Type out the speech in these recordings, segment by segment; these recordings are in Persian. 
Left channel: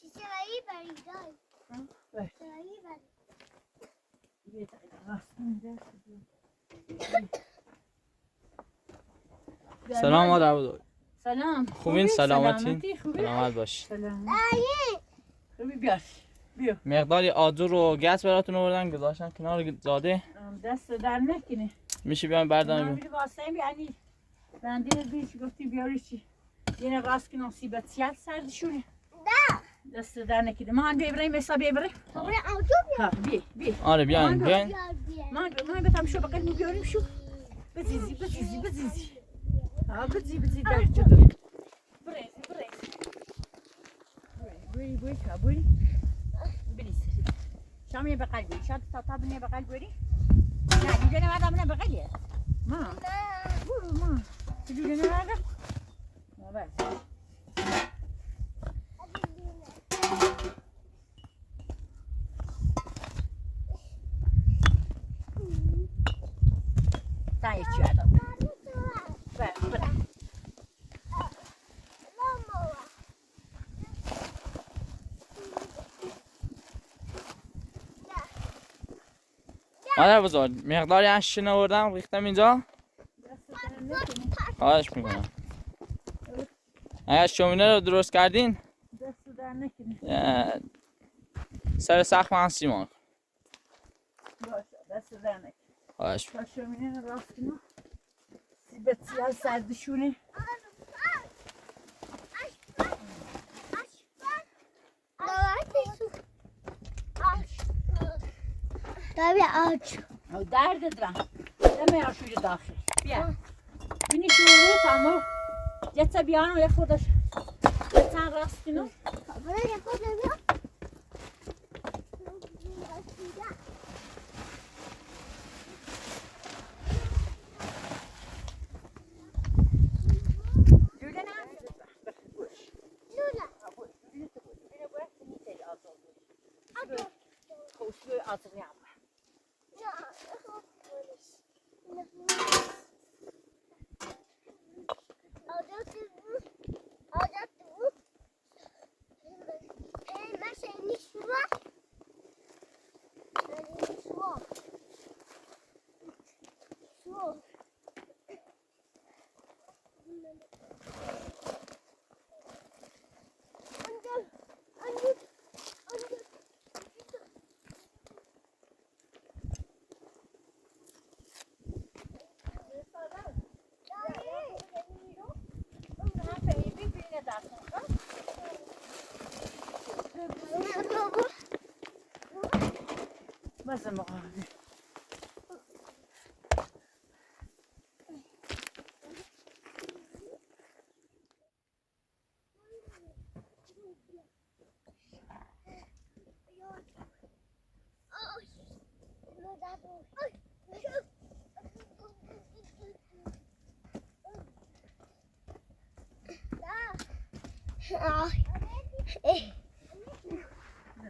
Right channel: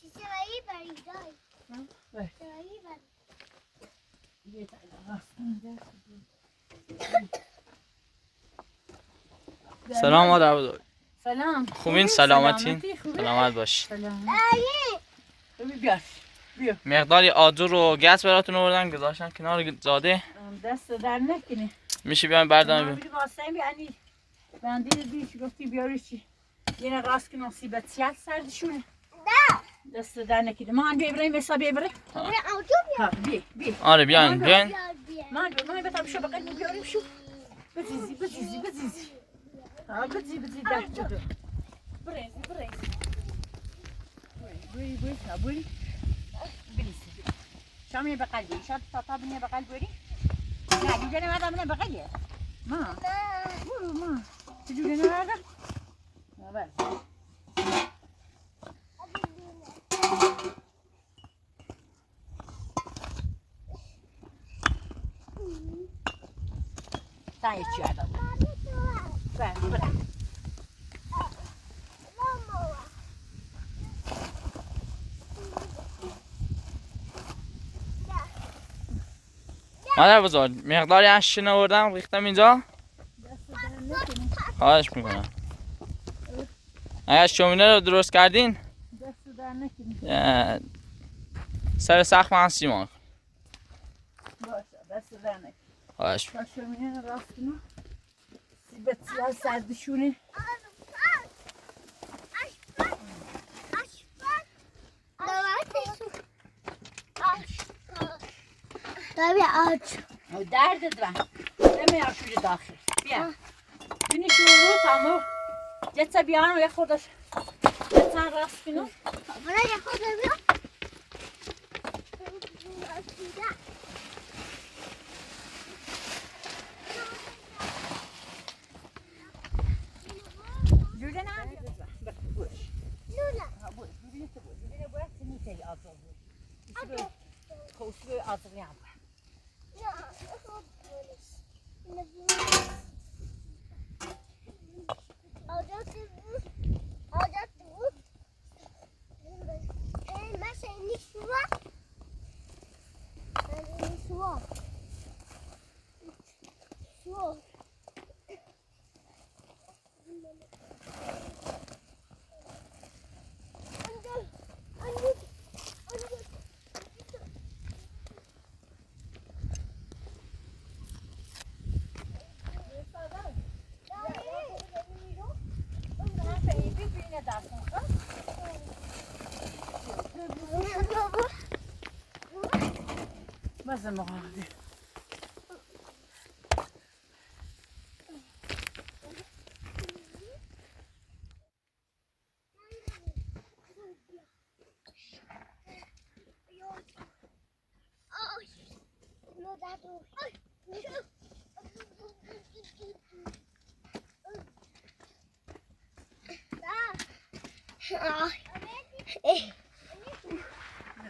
شیشه‌ای برای دای. شیشه‌ای برای. یه تایید راست سلام مادر بزرگ. سلام. خوبین سلامتین؟ سلامت باش. سلام. دایی. خوبی بیار. بیا. مقداری آجر و گس براتون آوردن گذاشتن کنار زاده. دست در نکنه. میشه بیاین برداریم. من واسه بیانی. بندی دیش گفتی بیاری چی؟ یه نقاس که نصیبت سیاه سردشونه. نه. دست در نکنه. من بیبریم حسابی بیبریم. من آجو بیا. بیا. آره بیاین بیاین. من بتام شو بقید بیاریم شو. بزیزی. بزیزی در جدو. بریم. بوی شابوی. بریسی. شامی بقید بری. شاد تاتا بنی بقید بری. نه دیگه نمیدم نه بقیه. ما. برو ما. دیگه نمیدم. نه بس. تای چی آدم؟ بریم. مادر بزرگ مقداری اشین آوردم ریختم اینجا. خواهش میکنم. اگر شومینه رو درست کردین سر سخت من سیمان. باشه دست در نکن. خواهش تا شومینه رو راست کنم. سیبت سیاه سردشونه. او دردت و نمی آشوری داخل بیا بینی شروع تامو جتا بیانو یه خودش جتا راست کنو برای خود بیا. جوده نه بازم مقابل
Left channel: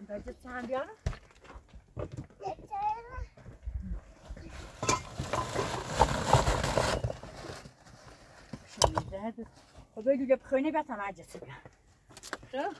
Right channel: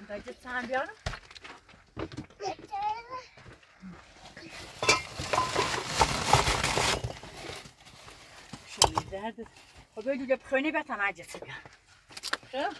باید سهم بیارم شوی درد خب بگو که بخوینی بتم عجسی بیارم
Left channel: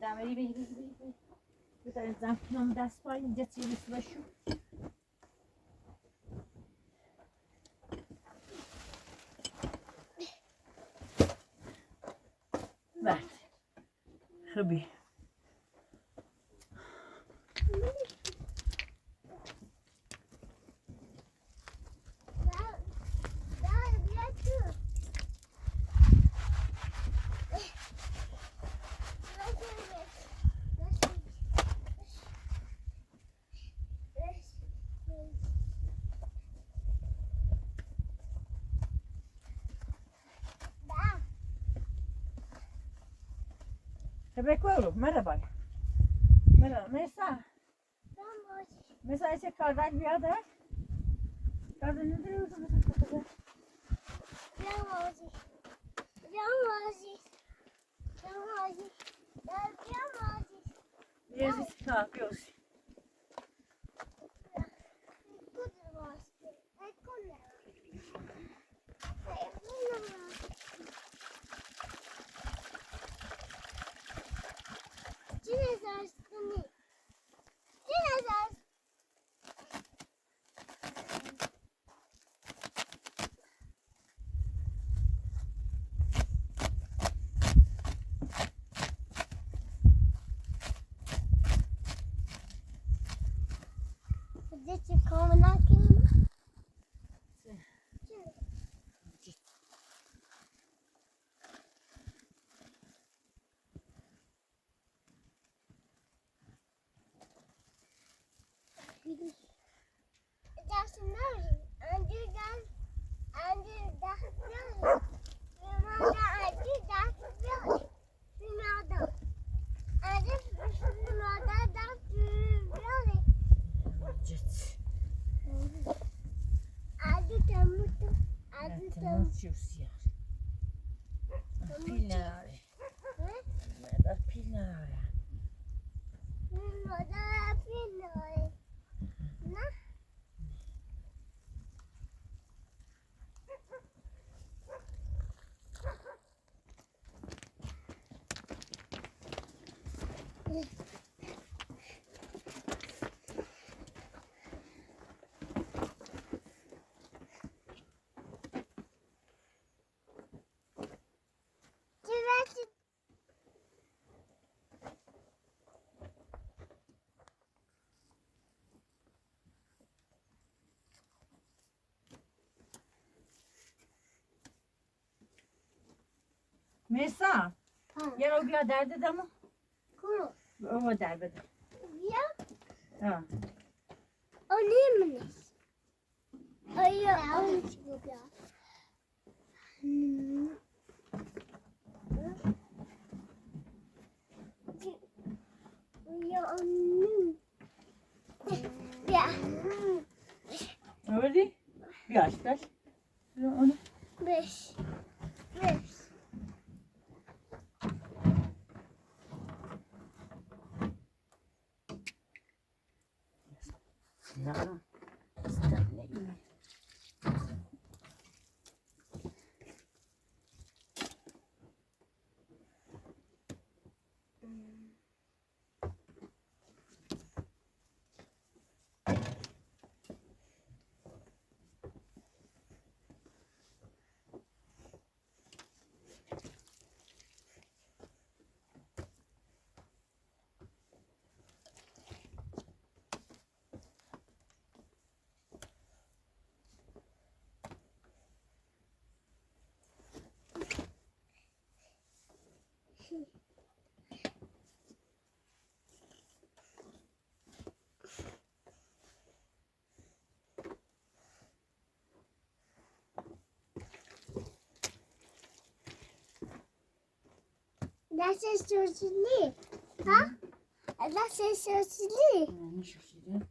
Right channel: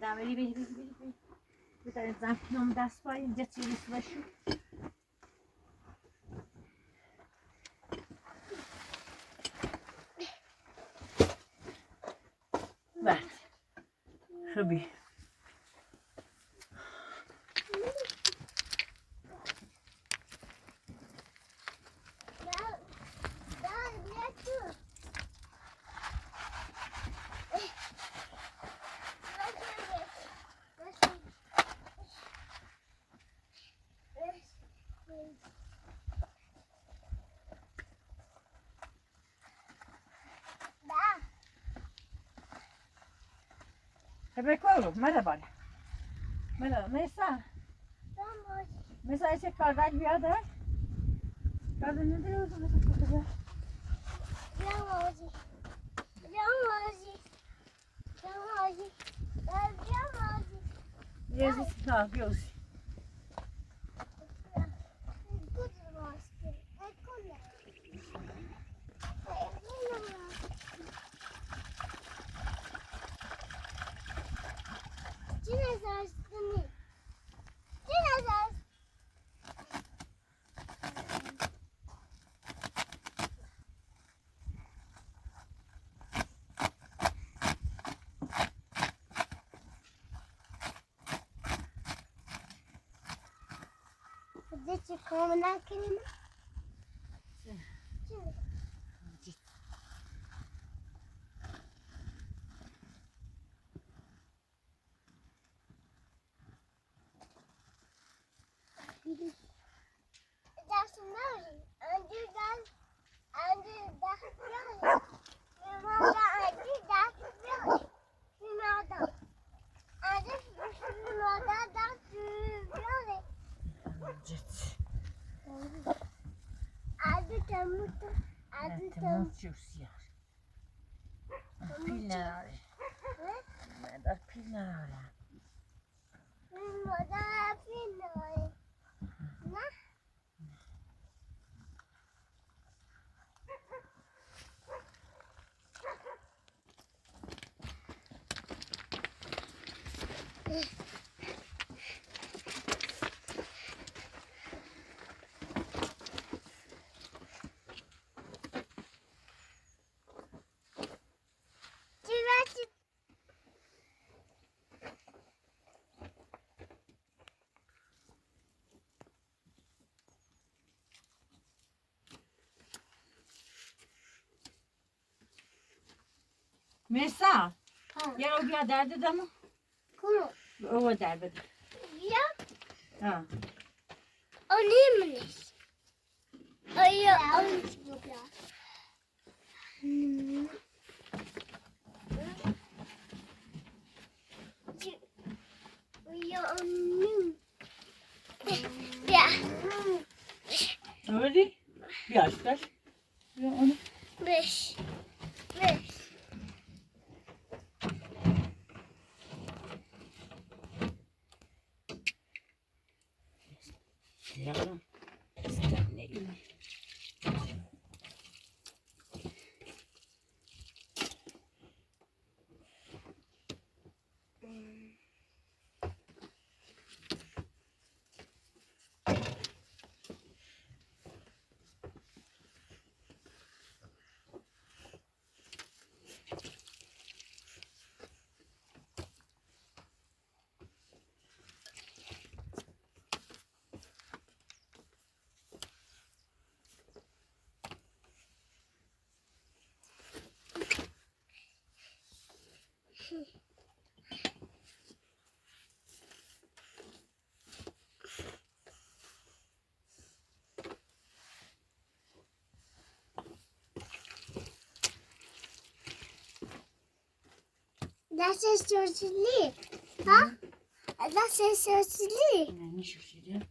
دمری بذارید زنم دست پای اینجا تیریس بشو بله خوبی بکن مرا باره مرا میسا Mesela işte kardeş bir yerde var. Kardeş ne diyorsun? Biraz kalkıyoruz. Dzieci komunalki nie ma? Dat is nodig. En die dan, en die dat is nodig. Maar en die dat is nodig. Die maar dan. En dit is maar dat is nodig. Git. Adı temuttu. Adı Evet, temuttu. tamam ya. Pil ne abi? Ne da pil ne abi? Burada yapıyor. Ne? Güvercin. Mesa. Ya o bir derdi de mi? Kumu. O derdi. Ya. Ha. O ne mi? Ayı. Ya. Öyle. Yaşlar. Ya onu. 5. Ya. İster ne iyi. Das ist so lieb. Ha? Das ist so lieb. Ne şişirdi?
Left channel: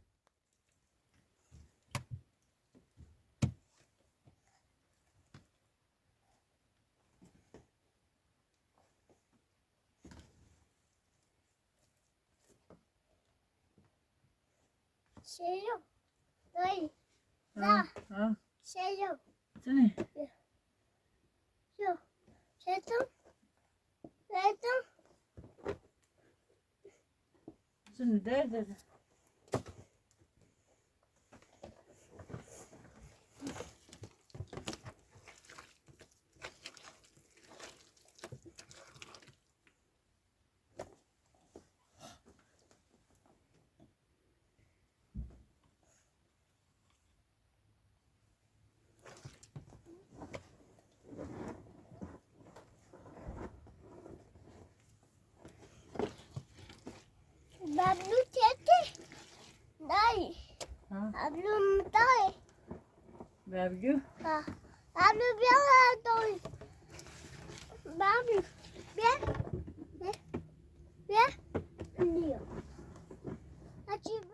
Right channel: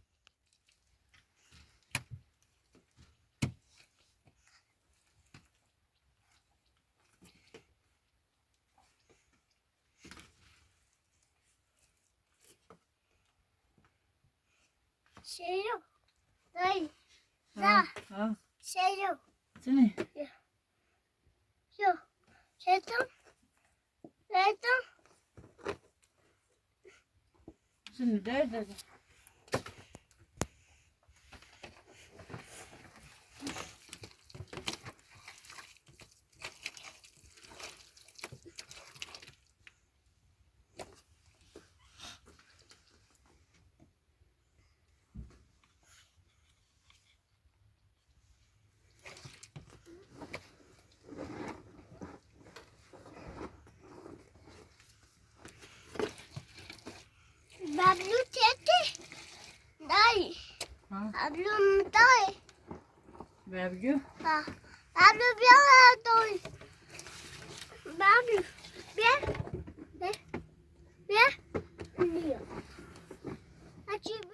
Şey yok. Dayı. Ha. Ha. Şey yok. Seni. Yok. Şeytan. Şeytan. Seni de. Bablu tete. Dayı. Ha. Bablu dayı. Vergi. Ha. Bablu bir ara dayı. Bablu. Bir. Diyor. Açayım.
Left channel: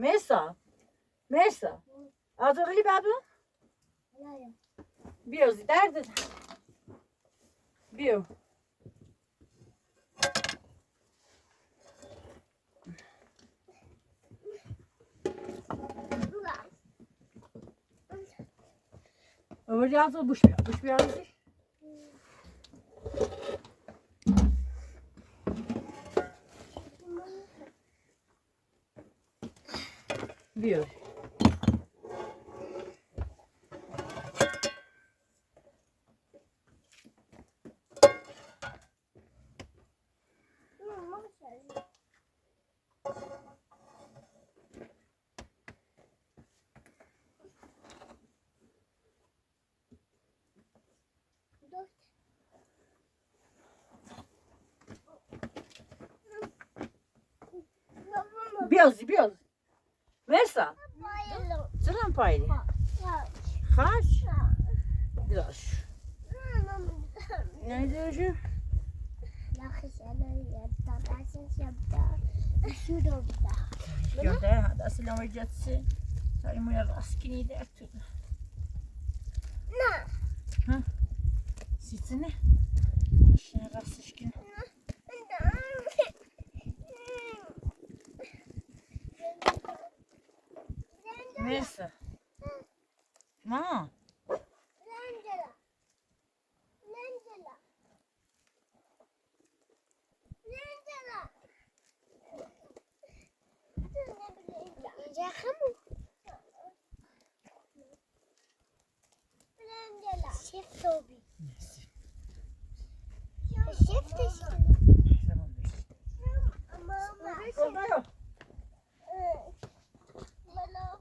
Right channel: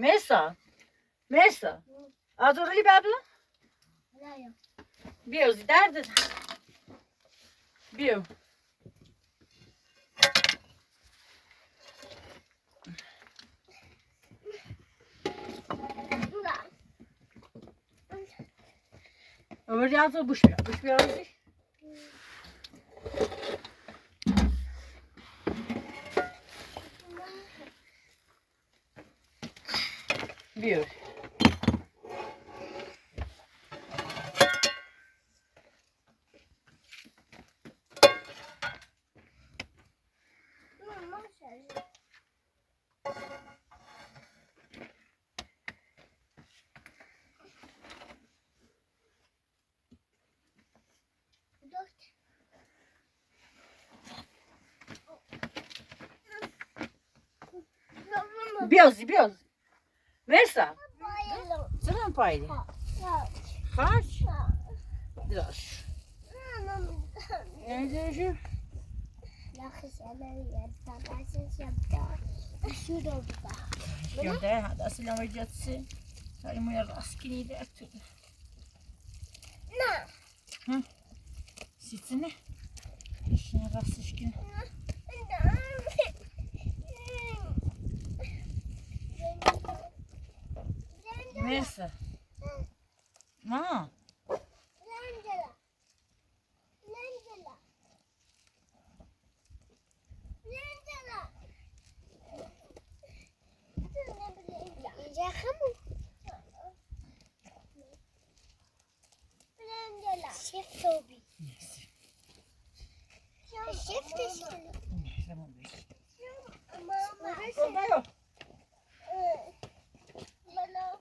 Mesa. Mesa. Azorli babla. Bio, derde. Bio. Öbür yazı buş bir. Buş bir yazı. Bio. Biraz, biraz. Mesa. Sıram paylı. Kaç? Biraz. Ne diyorsun? Yok da hadi asıl ama jatsı. Sayın bu ya raskini de ettim. Ne? Hı? Sitine. Şimdi rastışkin. Mesa. Ma. Chef Toby. Chef Tamam peki. Mama. Orada yok.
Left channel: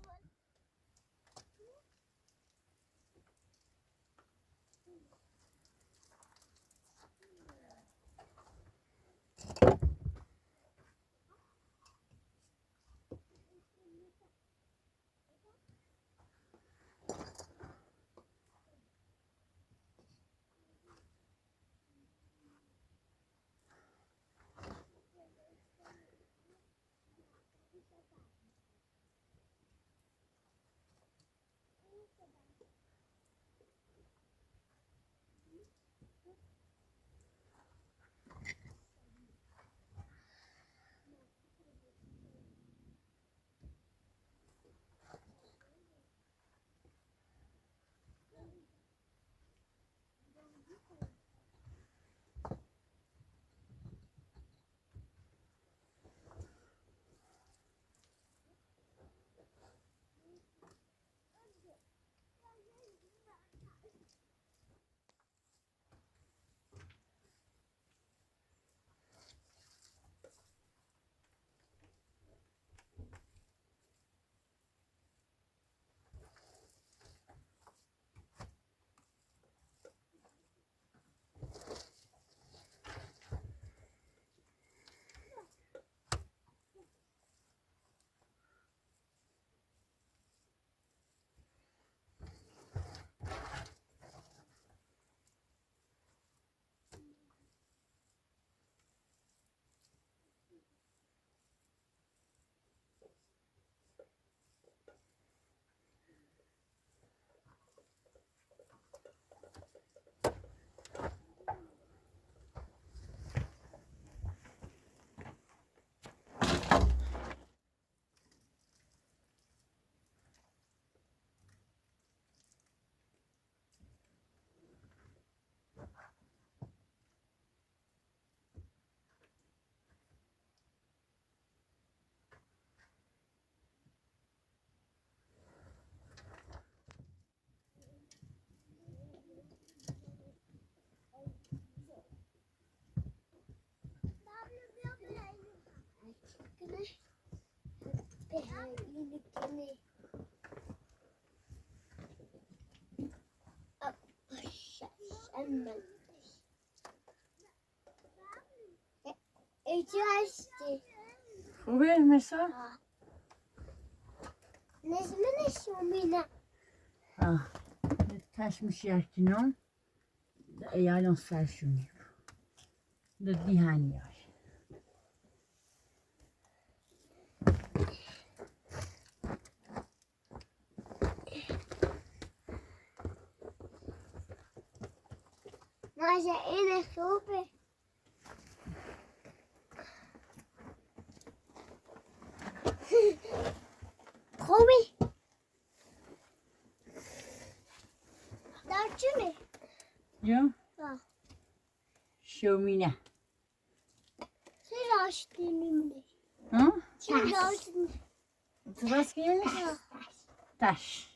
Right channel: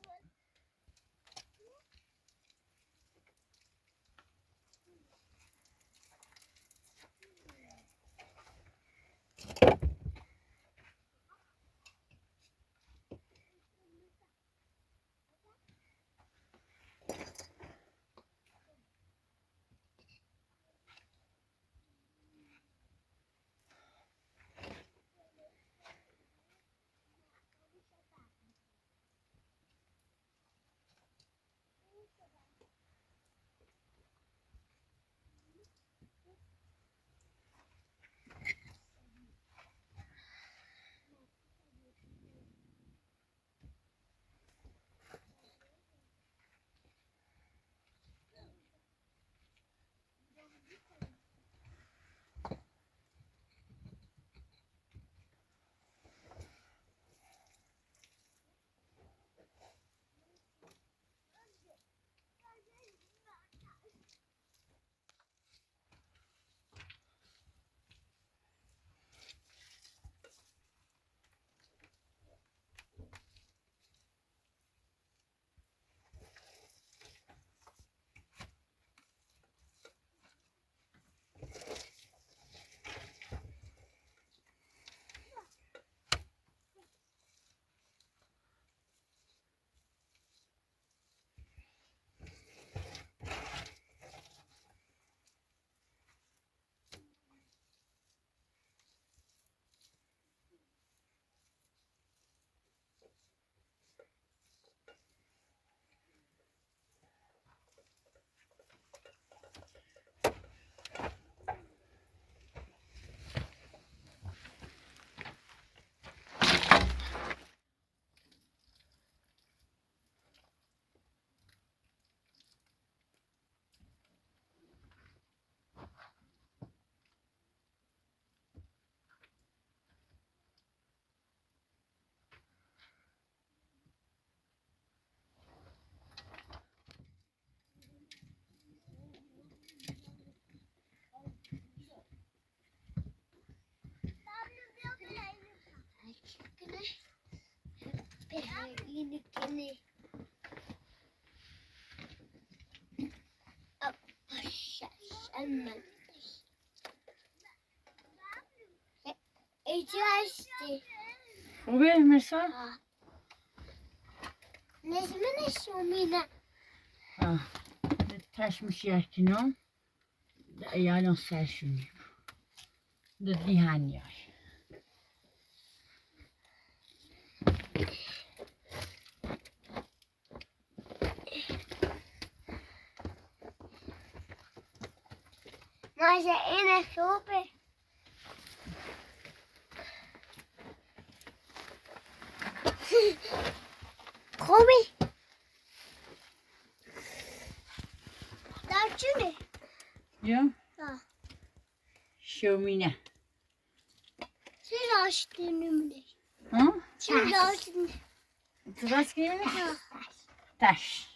این کنه ایچی هستی خوبه مرسا؟ نجمه شومینه تشمش یکنم ایالان سرشونی دادی هنیای ماشه اینه خوبه خوبی در چونه؟ یا؟ شومینه چه راشتی نمونه؟ ها؟ چه راشتی؟ تراس که یونه؟ تش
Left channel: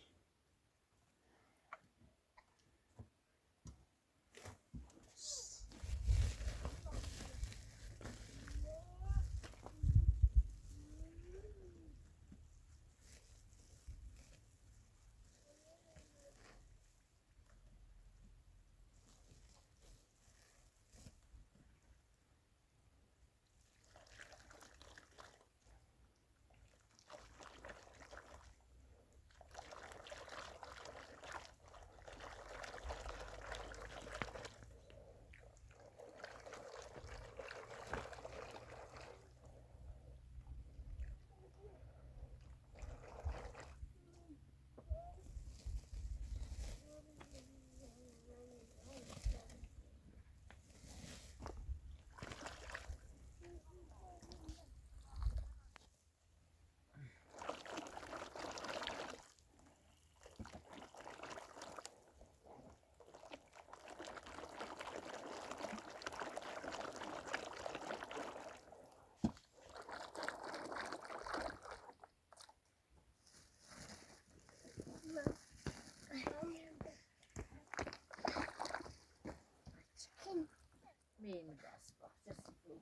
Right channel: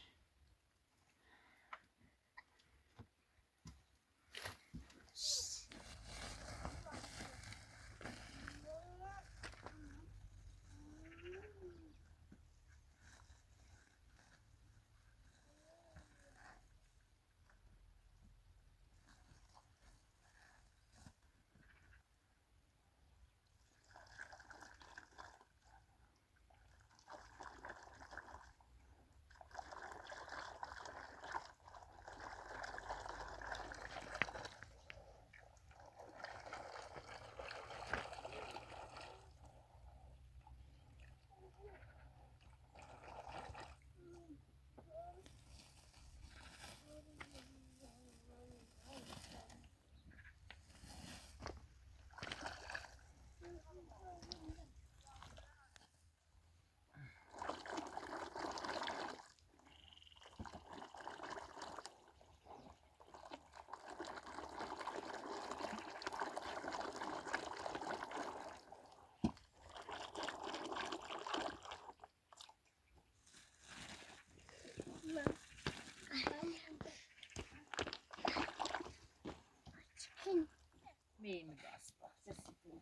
Benim biraz bahçesi bu.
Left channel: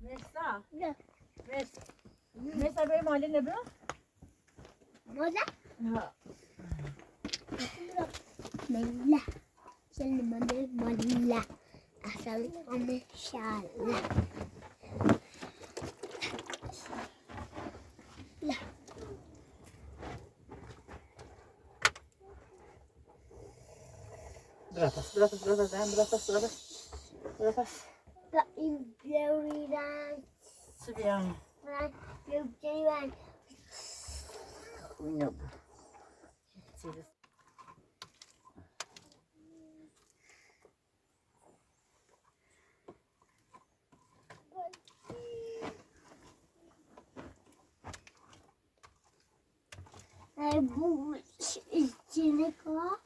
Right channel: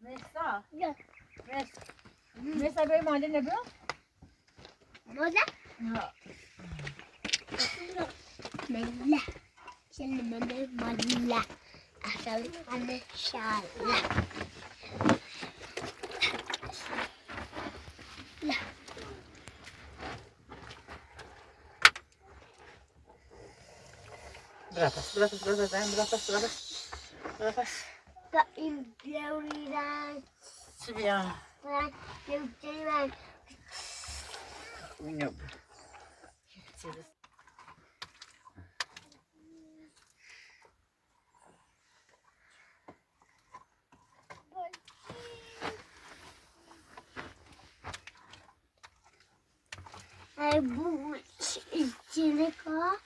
Mesa. یا Mesa benim haline ne bu? ماذا؟ Ya. مله شل مله مله أصل أنا شالة لا Bırak. فإن بيورينا Sibyan. يبتلون Uyuyor. bu içini koy.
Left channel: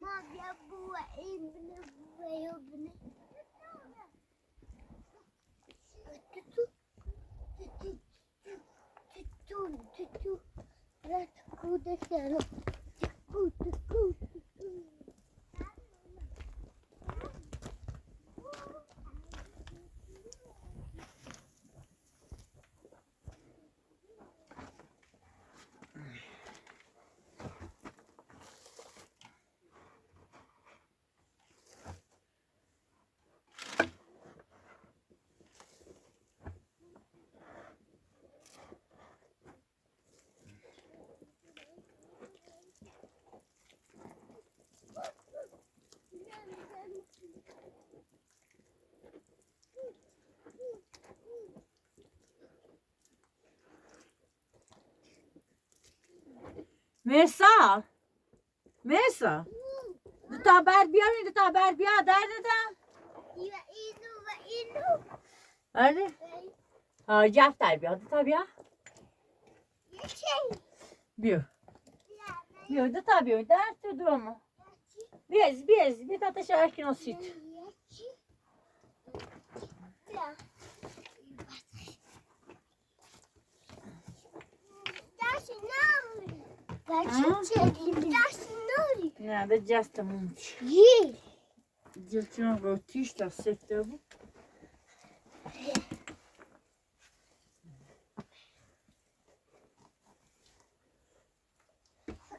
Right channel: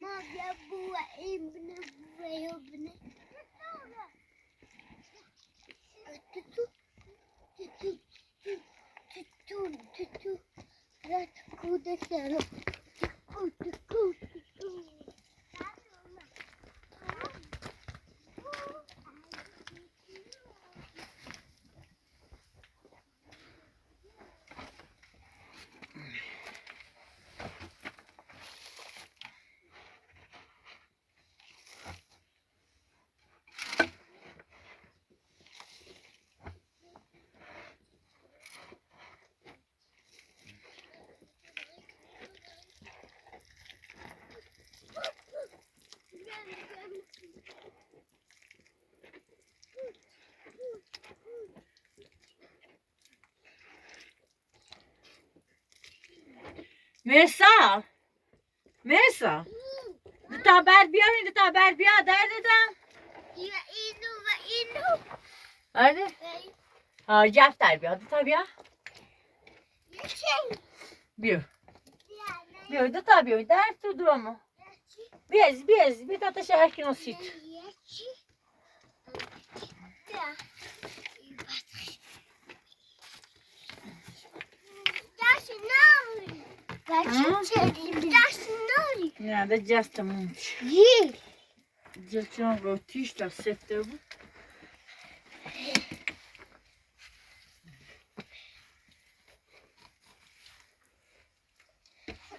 ما بيبوا ابن وابن تتو لا تكود سنة تكود Mirsa. Mirsa. Ta bär بیارین تا bär بیا در دادم. اینو آره. جفت در بیا تا بیا. بیا. بیا دو تا بیا در تو دومو. بیا تا تا شهر کی نسید. نه ده جستمون. جستم رو تیش تا سفته بود.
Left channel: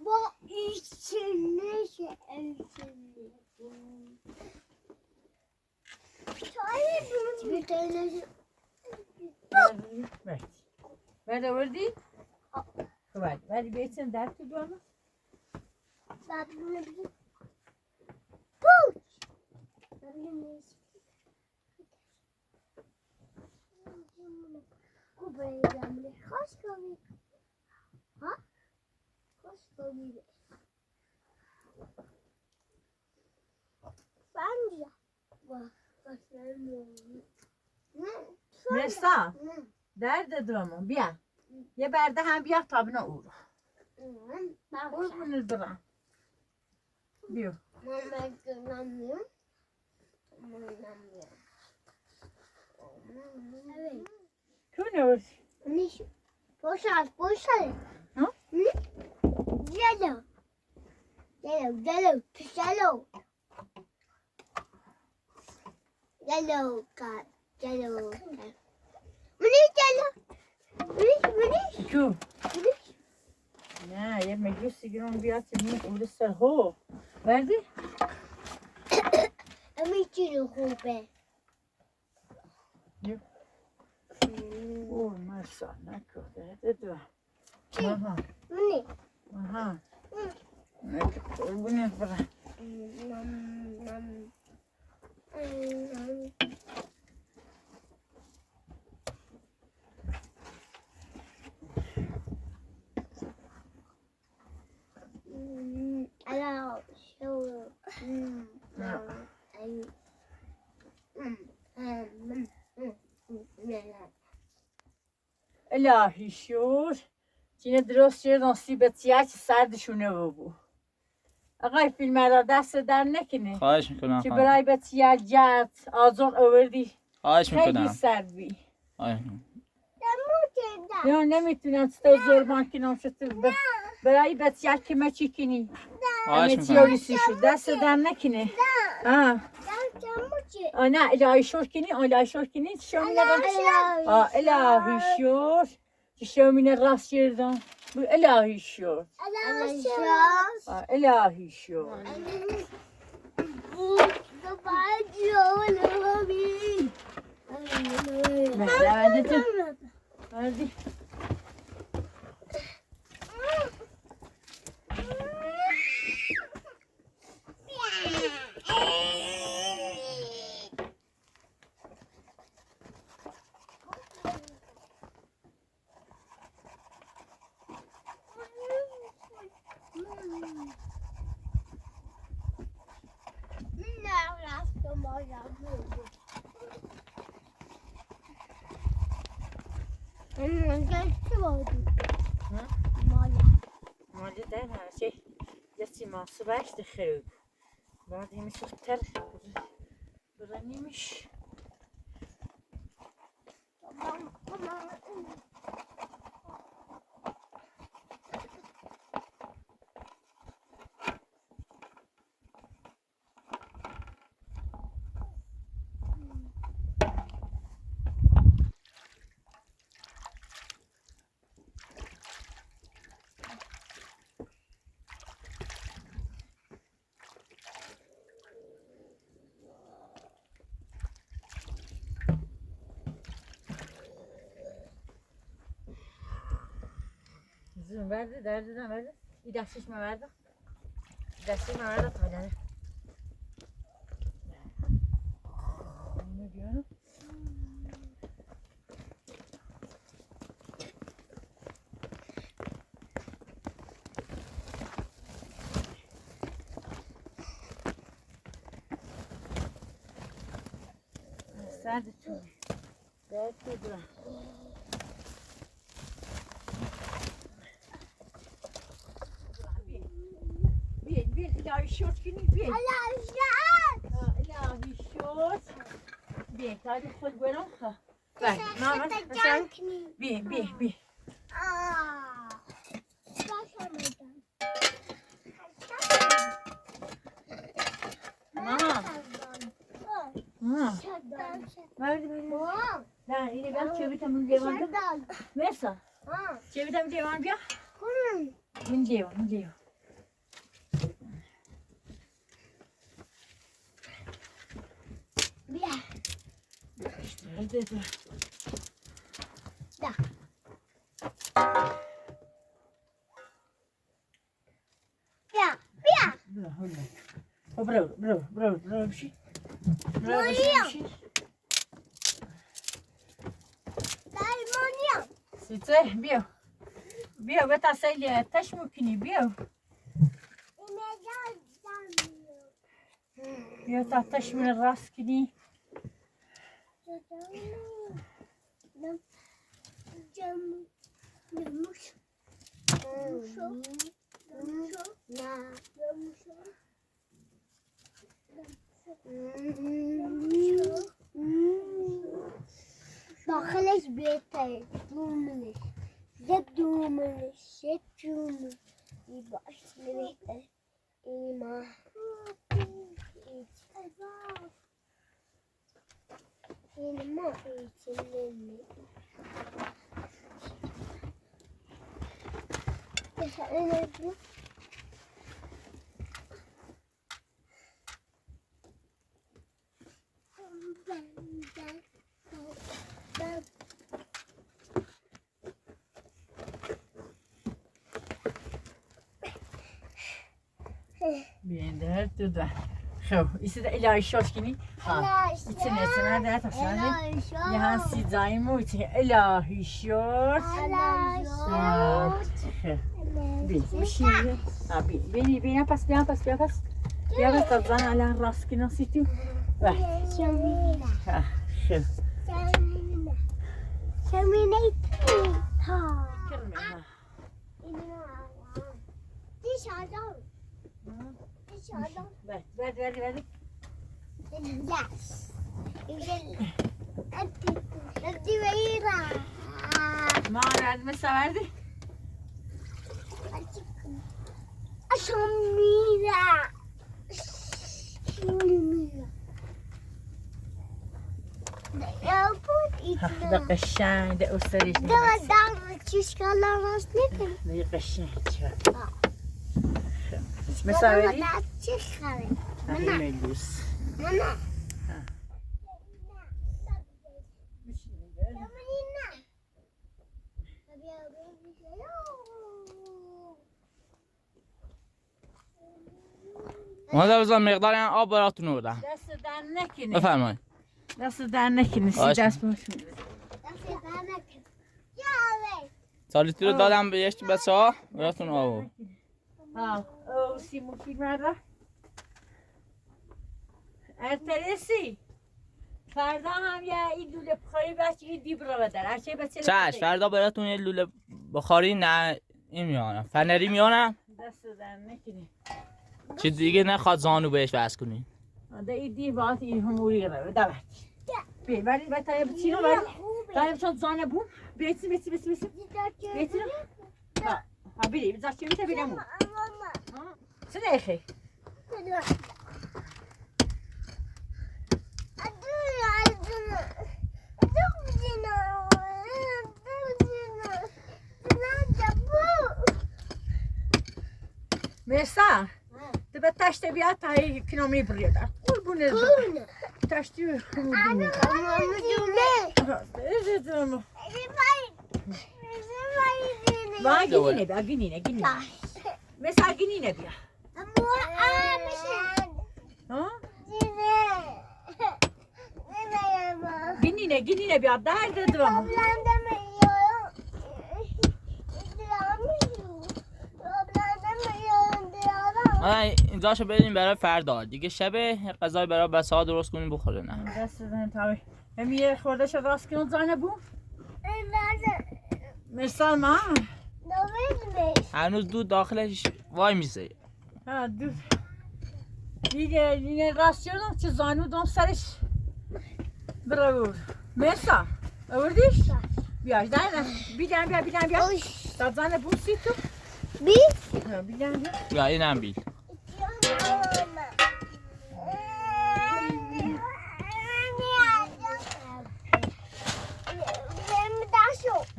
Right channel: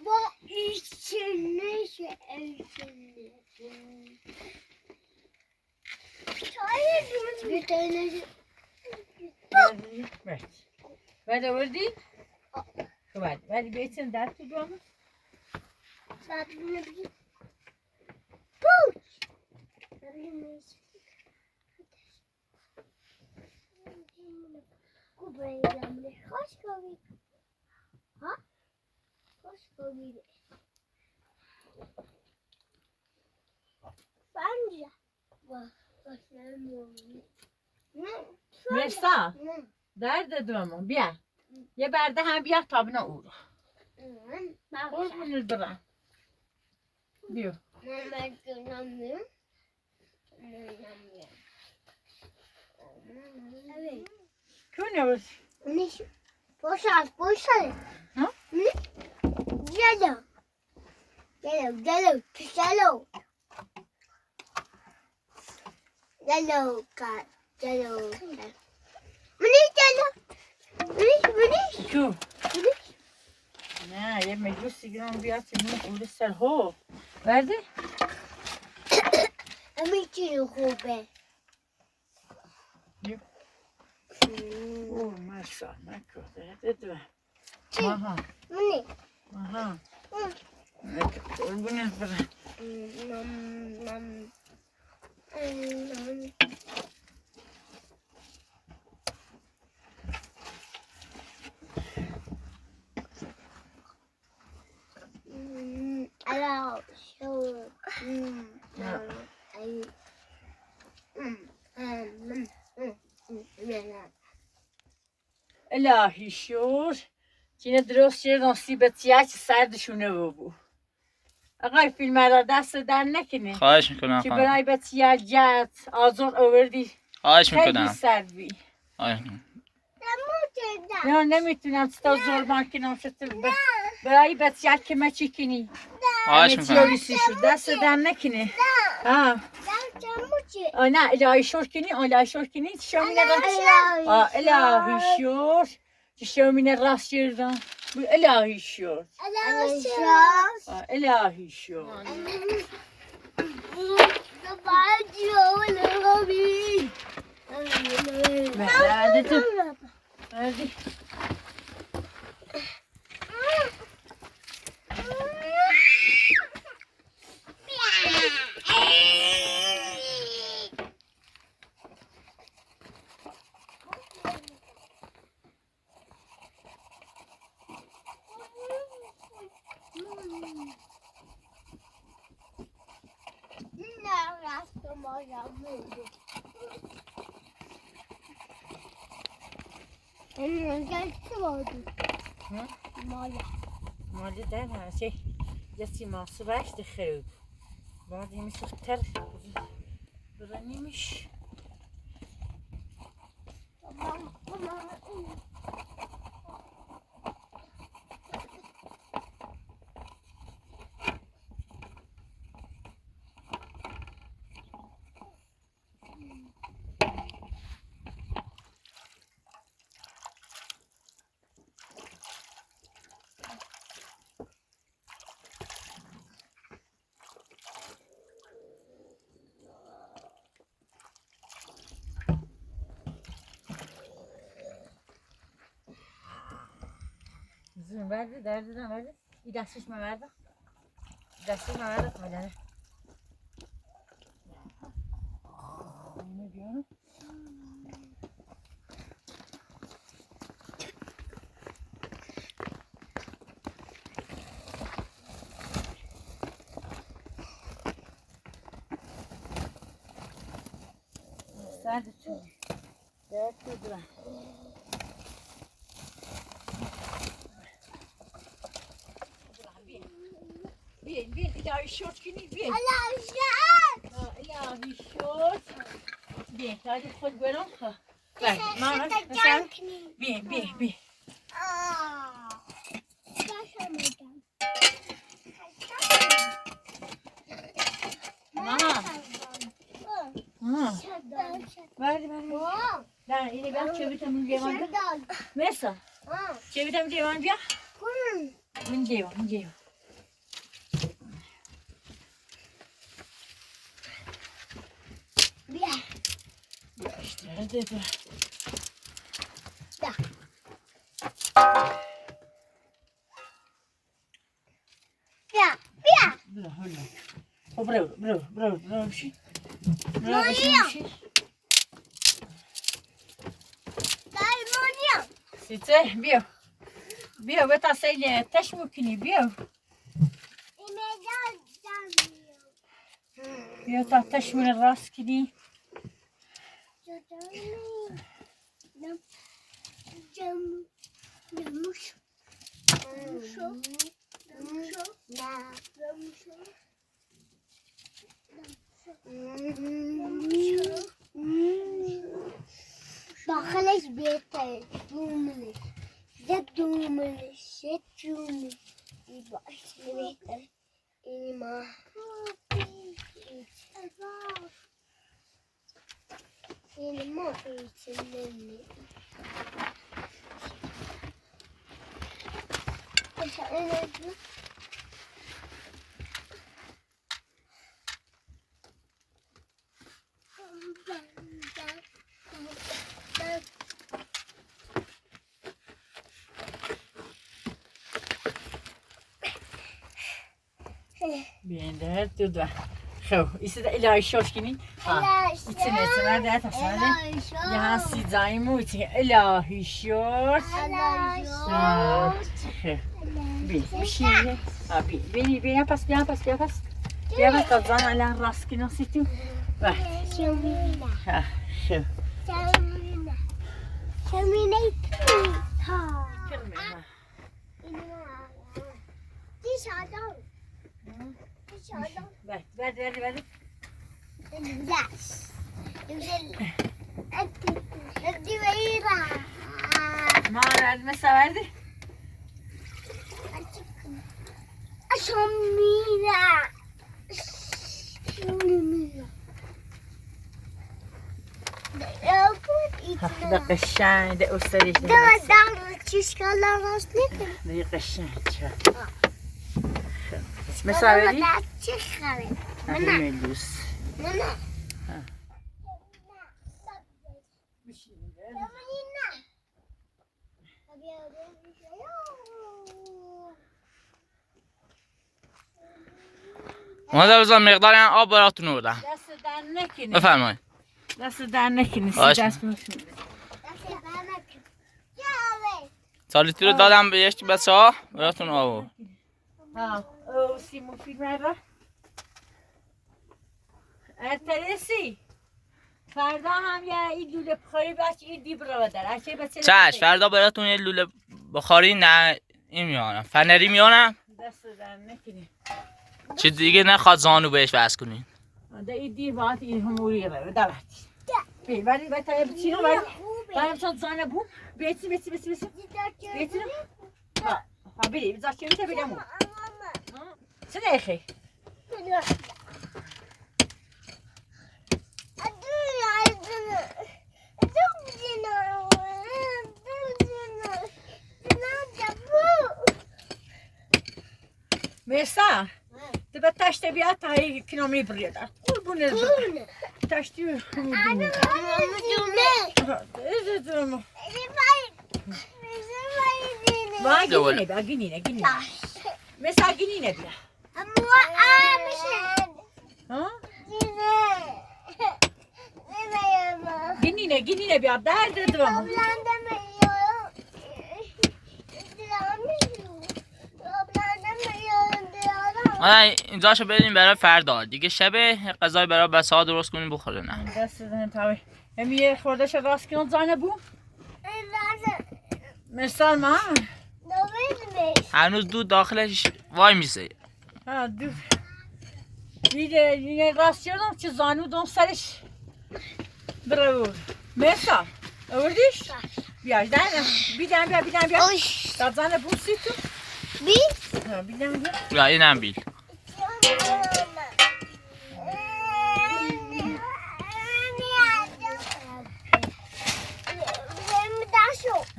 با içine bir tane Evet. Ben de vurdu. Hadi. Hadi bir etsin dert tutuyor mu? sadece bir puç. Kubayramlı hoş geldin. Ha? Hoş geldin. Bence. Bak, Mirsa. Ne? Nerede durumu? Bir. Ye berde hem bir tabına uğra. Kurbanı duran. Diyor. Ben göremiyorum. Evet. Kune var. Ne? Boşal. Ha? Ne? Gel. Gel. Şu. Ne? Ye meclisi giren bir atın. Öyle ser ho. Verdi. Oh, massa. Ne kadar. Dedi. Aha. Aha. Ne kadar. Bu ne para? الهی شور که درست شد نصیبت یه سردشونه بو آقای فیلم را دست در نکنه خواهش میکنم که خانم. برای بسیار جد آزار آوردی خواهش خیلی میکنم. سرد بی خواهش میکنم. نه نمیتونم ستا زربان کنم شد برای بسیار که ما چی کنی خواهش همه چی میکنم. آویسی شد دست در نکنه نه الهی شور کنی الهی شور کنی شامینه راست الهی شور که شامینه راست شردم الهی شور الهی شور Hadi. مالی ده نه şey جسی ماسو baştı خیلی بعد یه میشه تر برنیمش Zın verdi, derdi verdi. Bir de şişme verdi. Bir de şişme verdi kalene. Ne diyorum? دردتون دردتون بین الهی شد کنی بین الهی شد بین دادی خود برم ماما مثلا بین Verdi. Ben yine ben çevirtem diyevan ya. Mesela. Çevirtem diyevan ya. Bunu diyevan. İşte hadi. Bravo bir şey. Sice bio beta sejle też mukini bio ta też mi raskini داخلش بهتره دوملش زد دوملش باش بهتره این ما ایچنه Bien, der tut da. Zo, is het Elai Shoshkini? İçine de taşınadı. Ya sizayım o için Elai Shosh. Bir şey. Abi beni pas. Ya kazan ala raskina situ. Bak. Şamina. Şu. Şamina. Ha. Dışarıdan. Ver. Glass. Hadi verira. Mağara mesela verdi. Şamina. ده قشنگ ده استریش دم چیش کلا راست نکن ده قشنگ مثلا ولی چی خره ملوس نه مادر بزن مقدار این آب براتون آوردم دست در نکنی بفرمایید دست در نکنی باش. دست باشون سالیتی رو دادم به یک بچه ها براتون آورد ها او سیمون فیلم را ارتلسی فردا هم یه این لوله بخاری بچه این دیب رو بدر چش فردا براتون یه لوله بخاری نه این میانم فنری میانم دست در نکنی چیز دیگه نخواد زانو بهش وصل کنین ده این دیب باید این هموری رو دارد ولی باید تا بچینو ولی دارم چون زانه بو بیتی بیتی ها بیری بذار چی میشه بیرمو چه دیخی Mesa, tu به تشت بیاد تا یک کیلومتر برید. قربونه. تشتی دونه وای گینی. Mesa گینی بیا. ها؟ گینی بیا. درد دوام. اینجاشو بریم برای فردا دیگه شب غذای برای بچه‌ها درست کنیم بخوره نه دست زن تاوی همیه خورده شد راست کنم زانه بو این لازم مثال ما نویدمیش هنوز دود داخلش وای میسه. ها دو دیگه راست کردم که زانو دام سرش برو مثال آوردیش بیار دارم بیدم بیا اوش تا زانه بو سی تو بی بیدم بیا یا اینم بیل.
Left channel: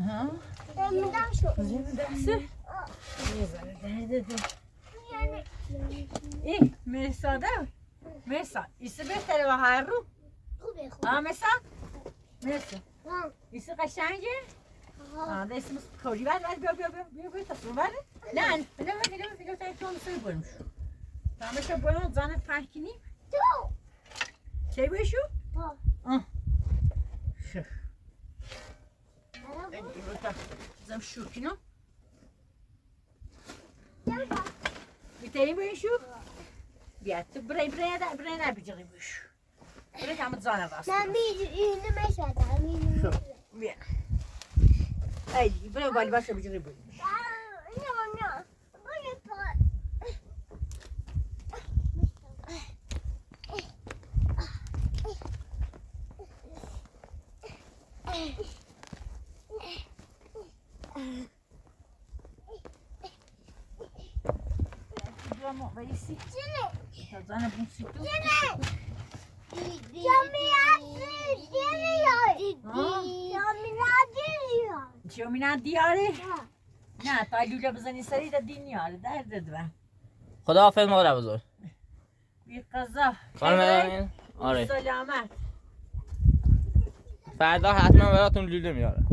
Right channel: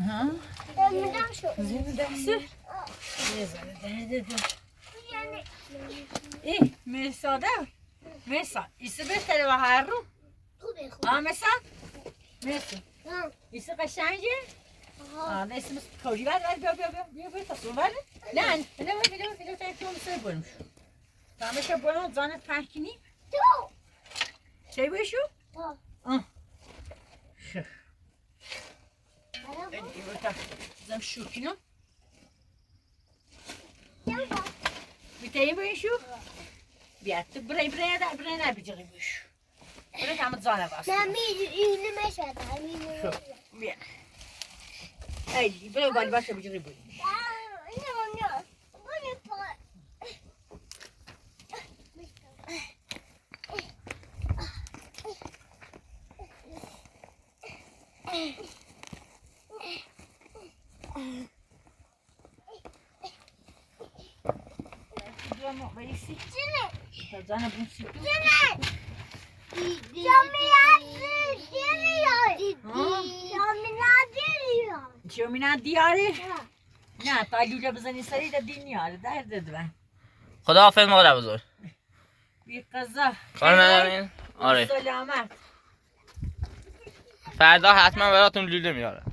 ها زمین دسته ای مثال مثال ایسه بهتره و هر رو مثال ایسه قشنگه ده اسم کوری بعد بیا تا صبح نه تا تو سر بریم شو تماشا بریم زانت پنکینی چی بشو شو زم شوکینو بیتایی بشو بیا تو برای نبیجی بشو برای همه زانه باست شو بیا ای برای بالی باشه بیجی بشو زانه بوسی تو شومینا دیاره نه تا لوله بزنی سری دا دی نیاره درد من خدا حافظ مادر بزرگ. بی قضا خانم امین آره سلامت فردا حتما براتون لوله میارم.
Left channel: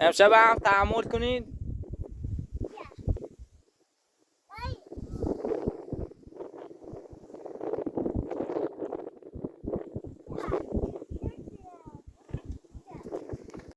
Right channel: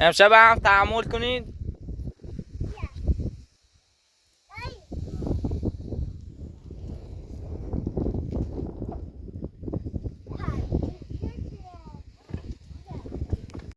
امشب هم تحمل کنید